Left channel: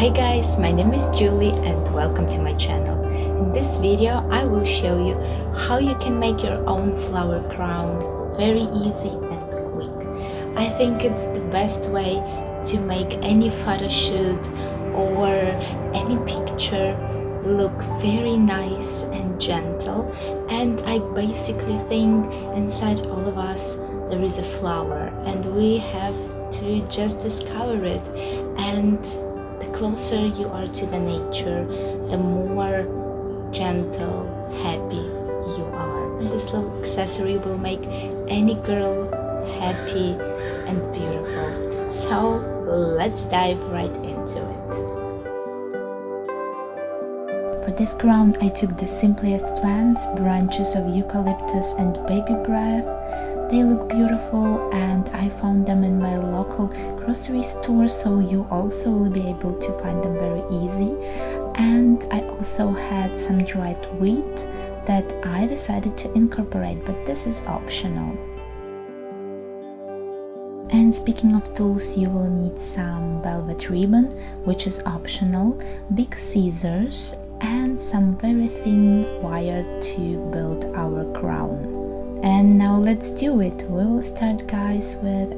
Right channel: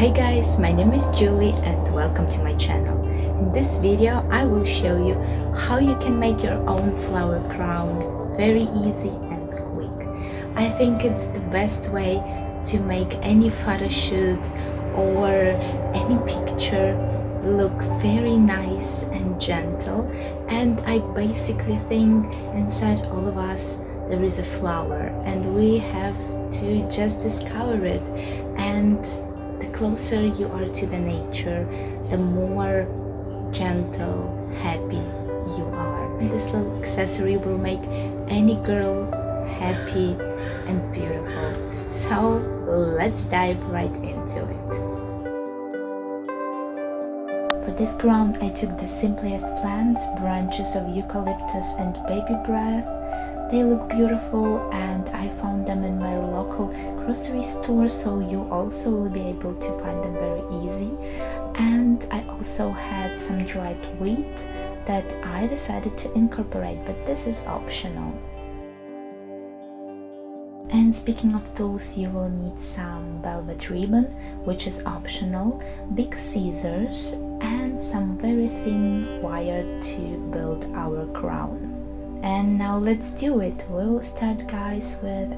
Hi guys, my name is Julie and welcome to my channel. In this video I will show you how you can make your own flower crown very easy and quick. I think it's the best way to make any photo shoot or any picture look very nice and gentle, and I basically think inside all of us there is a flower and we have to just discover it. And the closer you are to the nature, the more gentle, happy you are. And this little accessory will make any girl happy and beautiful. So let's dive right into it. For this crown I took the simplest plants, branches of eucalyptus and baby breath. They look beautiful and I found them in my local grocery store, so you also will be able to find them very easy. And I also had some dried wheat that I decided to incorporate, but this is optional. And speaking of tools, you will need some velvet ribbon, which is optional, big scissors and some very thin wire to build our crown. And now let's do it. We will start, guys, with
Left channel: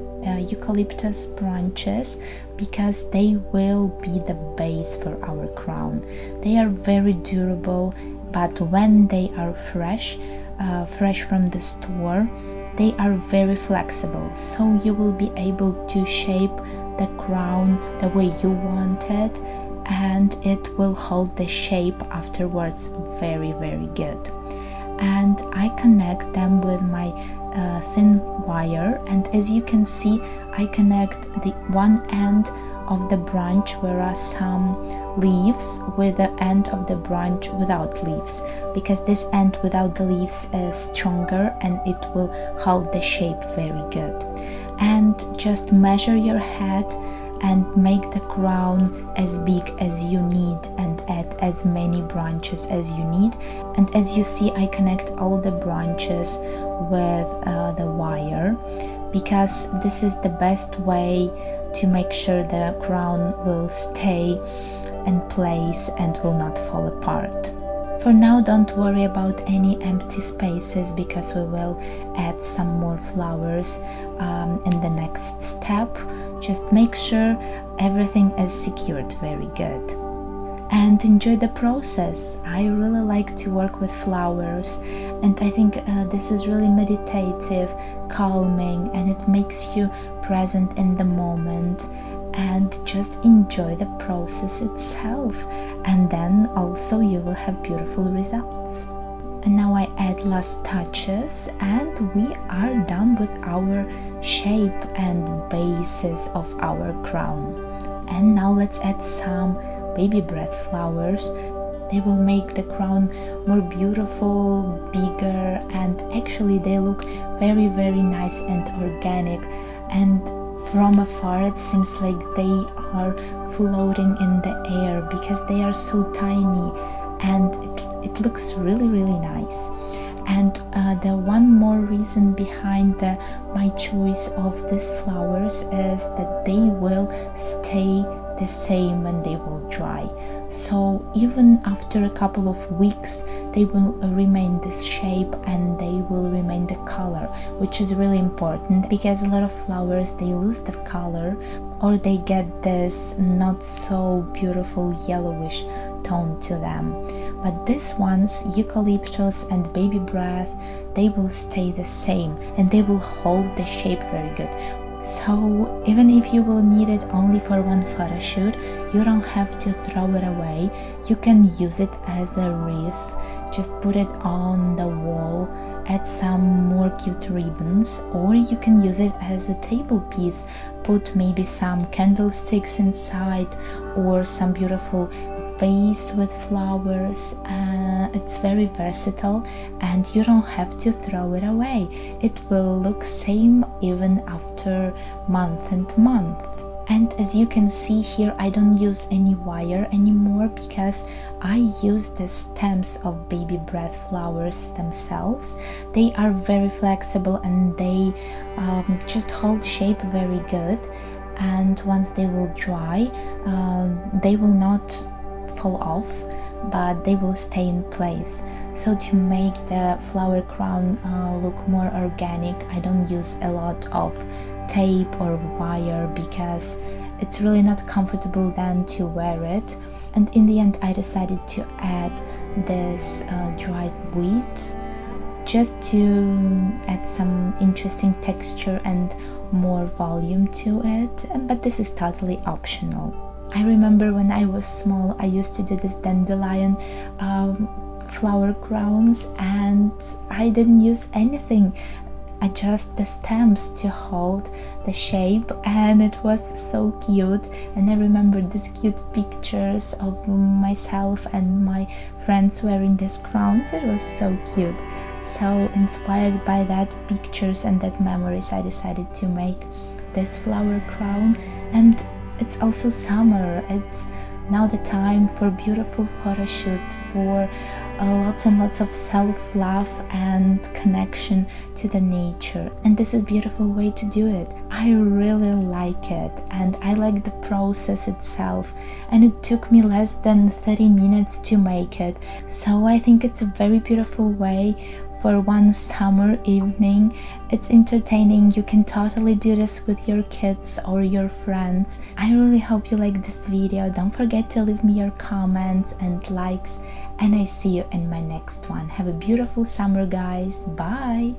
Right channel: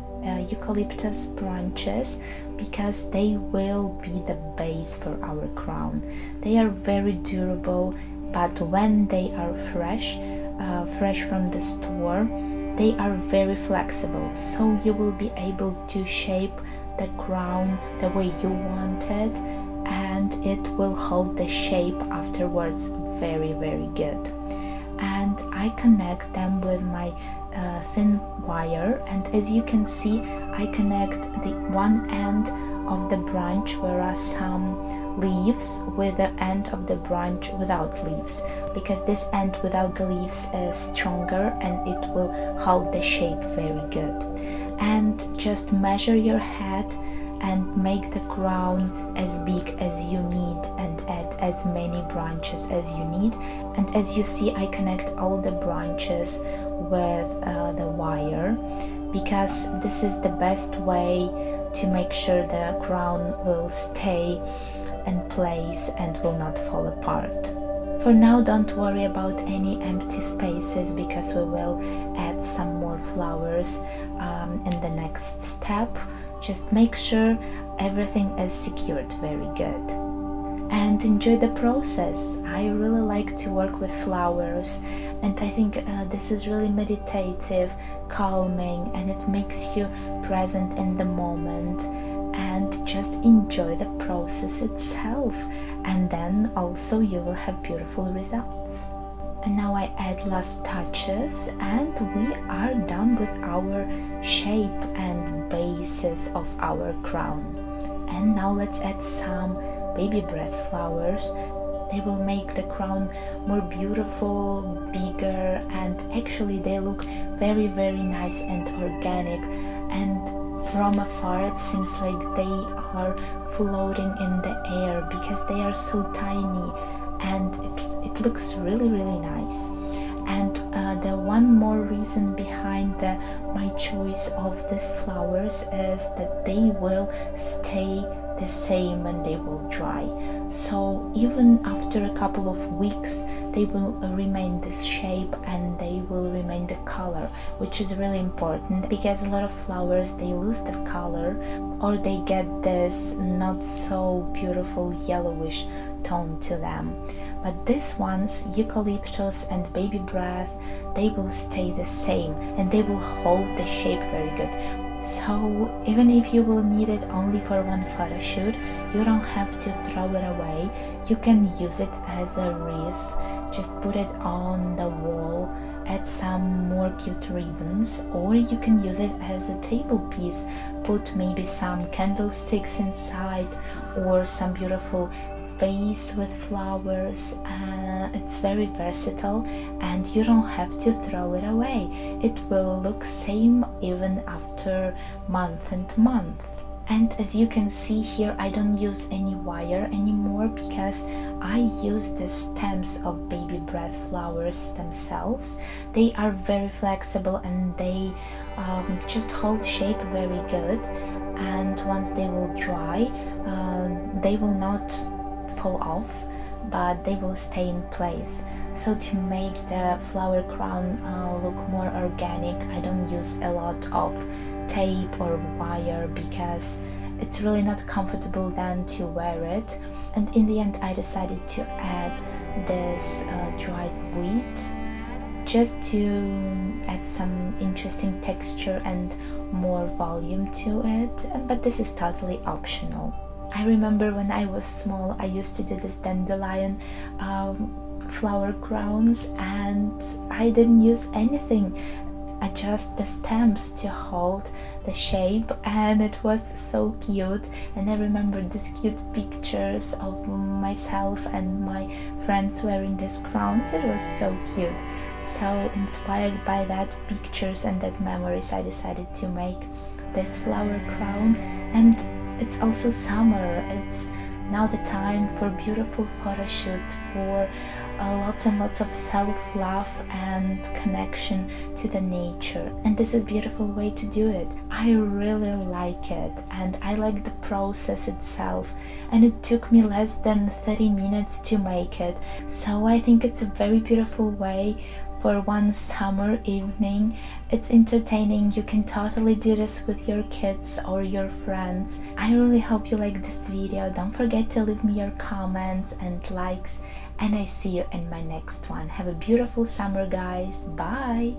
eucalyptus branches because they will be the base for our crown. They are very durable, but when they are fresh from the store, they are very flexible, so you will be able to shape the crown the way you want it, and it will hold the shape afterwards very good. And I connect them with my thin wire, and as you can see I connect the one end of the branch where are some leaves with the end of the branch without leaves, because this end without the leaves is stronger and it will hold the shape very good. And just measure your head and make the crown as big as you need and add as many branches as you need. And as you see, I connect all the branches with the wire because this is the best way to make sure the crown will stay in place and will not fall apart. For now, don't worry about any empty spaces because we will add some more flowers in the next step. Just make sure everything is secured very good. And enjoy the process. I really like to work with flowers, and I think this is really meditative, calming, and it makes you present in the moment and just enjoy the process itself. And then also you will have beautiful results. And now I add last touches and we are done with our shape and basis of our crown. And now let's add some baby breath flowers. They will make the crown more beautiful, bigger, and actually they look very nice and organic, and from afar it seems like they are floating in the air because they are so tiny, and it looks really nice. And the one more reason behind my choice of these flowers is that they will stay the same when they will dry. So even after a couple of weeks they will remain this shape and they will remain the color, which is really important because a lot of flowers they lose the color or they get this not so beautiful yellowish tone to them. But these ones, eucalyptus and baby breath, they will stay the same and they will hold the shape very good. So even if you will need it only for one photo shoot, you don't have to throw it away. You can use it as a wreath, just put it on the wall, add some more cute ribbons, or you can use it as a table piece, put maybe some candlesticks inside or some beautiful vase with flowers. It's very versatile and you don't have to throw it away. It will look same even after month and month. And as you can see here, I don't use any wire anymore because I use the stems of baby breath flowers themselves. They are very flexible and they just hold shape very good. and once they will dry, they will not fall off, but they will stay in place. So to make the flower crown look more organic, I don't use a lot of tape or wire because it's really not comfortable then to wear it. And in the end I decided to add this dried wheat just to add some interesting texture and more volume to it, but this is totally optional. I remember when I was small I used to do this dandelion flower crowns, and I didn't use anything, just the stems to hold the shape, and it was so cute. And I remember these cute pictures of myself and my friends wearing these crowns. It was so cute. So inspired by that pictures and that memories, I decided to make this flower crown. And it's also summer, it's now the time for beautiful photo shoots, for lots and lots of self-love and connection to the nature, and this is a beautiful way to do it. I really like it, and I like the process itself, and it took me less than 30 minutes to make it, so I think it's a very beautiful way for one summer evening. It's entertaining, you can totally do this with your kids or your friends. I really hope you like this video. Don't forget to leave me your comments and likes, and I see you in my next one. Have a beautiful summer, guys. Bye.